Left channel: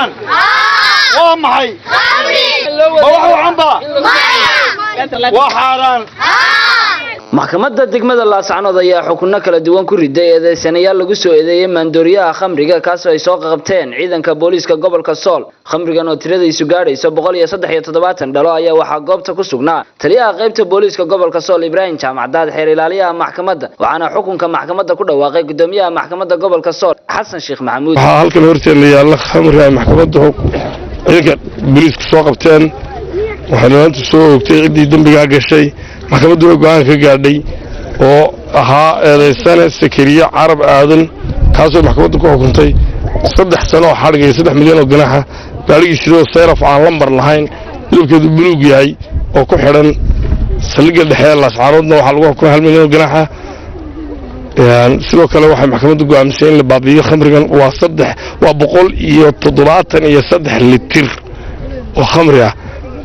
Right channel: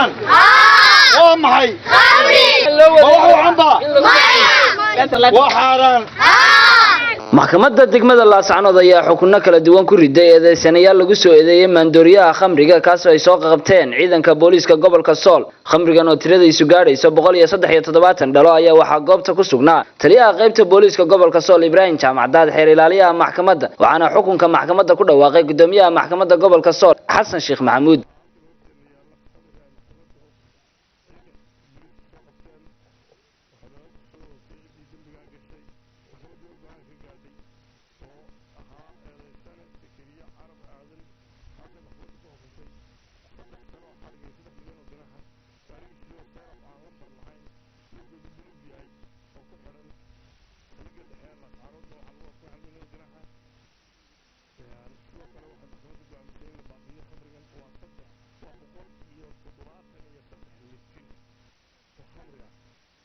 عبتان ومحي وحو عنبا وحاران maxkamadda degmada Laascanood ayaa xukunno kala duwan ku riday eedeysanayaal lagu soo eedeeyay maandooriyaha khamriga kaas oo ay soo qabteen ciidanka booliiska gobolka Sool khamrigan oo tiradiisu gaadhayso 173 dhalo ayaa waxa goobta ku sugnaa taliyaha qaybta booliiska gobolka Sool Ibrahim Jaamacadaad xeer ilaaliyaha maxkamadda waxaana xukunka maxkamadda ku dhawaaqay gudoomiyaha maxkamadda gobolka Sool Xasan Sheekh Maxamuud halkan horteena yaala khamriga maxkamadda ciidanka booliiska soo qabteen waxaana inta soo ogtay cidii dambiga gashay maxkamaddu go'aan ka gaadhay oo ahaa eedeysane Sakariya Carab Aadan kaasoo maxkamaddu ku xukuntay 3 sano xadhig iyo 3 milyan oo ganaaxa gaarigiisii seeraf aan lambar lahayn lubkeedu buluug yahay oo ku xiran saldhigga dhexe Laascanoodna waxa lagu xukumay 1 milyan oo ganaaxa sidoo kale waxay maxkamaddu go'aamisay in la baabiyo khamrigan waa 173 litir oo khamri ah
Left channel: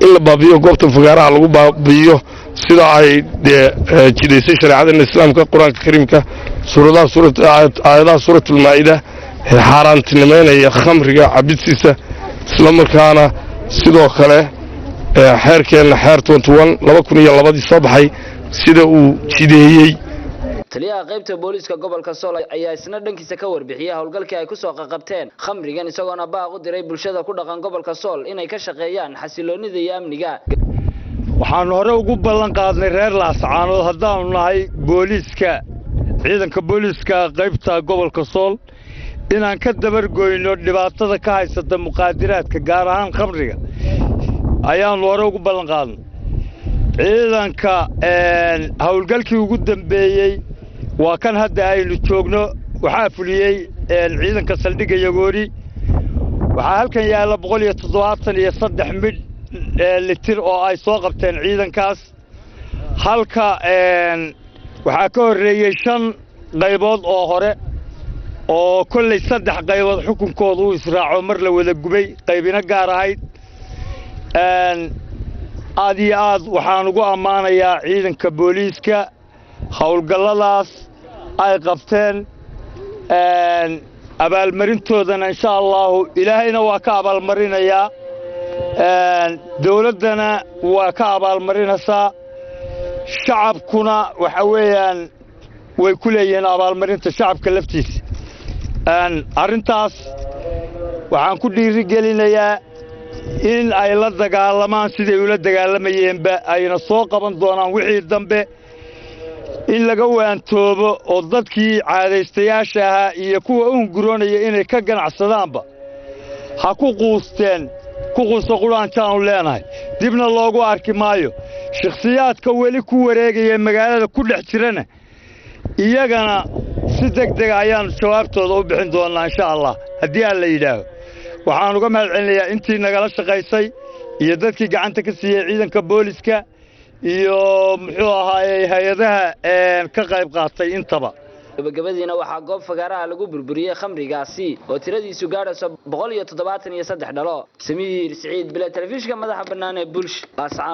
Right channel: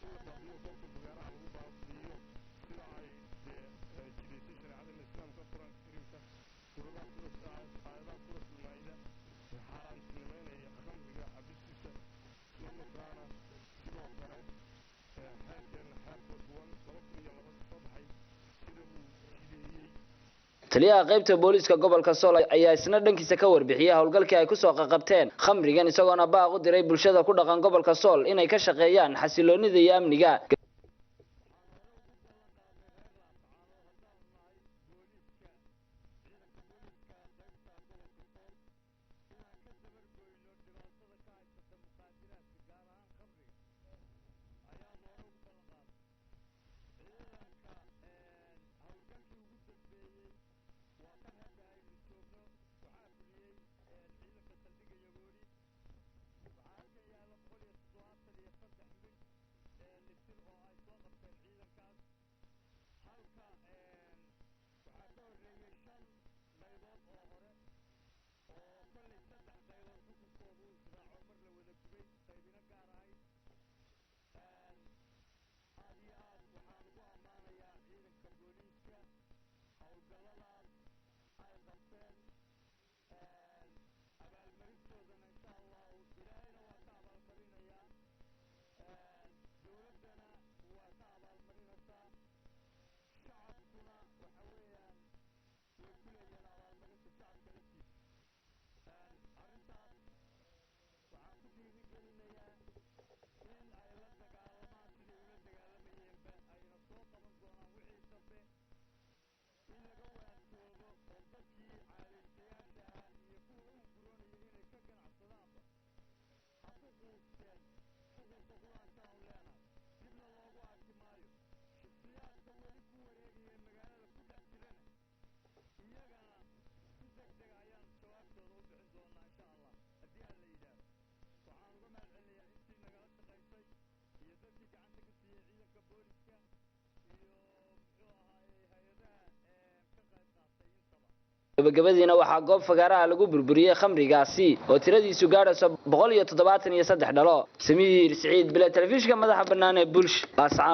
in la baabiyo goobta fagaaraha lagu baabiyo sida ay jideysay shariicada islaamka quraanka kariimka aayadaha suuratul maa'ida xaaraantinimeynaya khamriga cabidsiisa isla markaana sidoo kale xeerkeena xeer 21 soo baxay sida uu jideeyay taliyaha qaybta booliiska gobolka Sool ayaa isna dhankiisa ka warbixiyay hawlgalkii ay ku soo qabteen khamrigan isagoona baaq u diray bulshada ku dhaqan gobolka Sool inay ka shaqeeyaan xasiloonida iyo amniga waxaan hore ugu ballan qaadnay reer Laascanood haddaan nahay booliiska ciidanka booliiska qaybta gobolka Sool inaan ka dabar goyno dhibaatada ka haysata muqaadaraadka gaar ahaan khamriga ayaan hore ugu ballan qaadnay ciidanka hawlgalkii ugu dambeeyay waa kan hadda aynu joogno waxa fuliyay ciidanka saldhigga Yagoori waxa halkan yaala 173 litir oo ay soo qabteen ciidankaas halka waxa ka horeeyay 5 qaybood oo hore oo kulli 3 qaybood xukunkoodu uu israaco mar la wada gubay qaybina gaar ahayd aad iyo aad waxaan ugu ammaanayaa ciidanka booliiska hawlgalladaas ay qabteen abaalmarintoodana insha Allah ilaahayna waa ka abaalmarinayaa dawladana waa ka abaalmarinaysaa shacabkuna waxa weeyaan way ku leeyeen abaalmarinta shacabka laftiisa arintaas waxaan ku dhiirigelinayaa in ay la dagaalamaan sidii ula dagaalamayeenba ayna soo qaban doonaan wixii dambe in laga waantoobo oo dadkii caadaystayaasha ahaa iyo kuwa unguroonaya inay ka ganacsadaanba ha ku quusteen ku quuso quraantaan leenahay dibna loogu arki maayo shakhsiyaadka weli ku wareegaya magaalada ku dhex jirana iyagana si degdeg ayaan jawaabtooda u bixin doonaa insha Allah haddii aan la yidhaaho waxaan uga mahadcelinayaa intii nagala shaqaysay iyo dadkii gacanta ka siiyay ciidanka booliiska iyo muxuu ahaayay hay'adaha ka qayb qaatay intaba gabagabadiina waxa goob fagaaraha lagu burburiyay khamrigaasi oo tiradiisu gaadhayso 173 dhalo Samiir Saciid bila telefishinka madaxa bannaan ee Bulsh Laascanood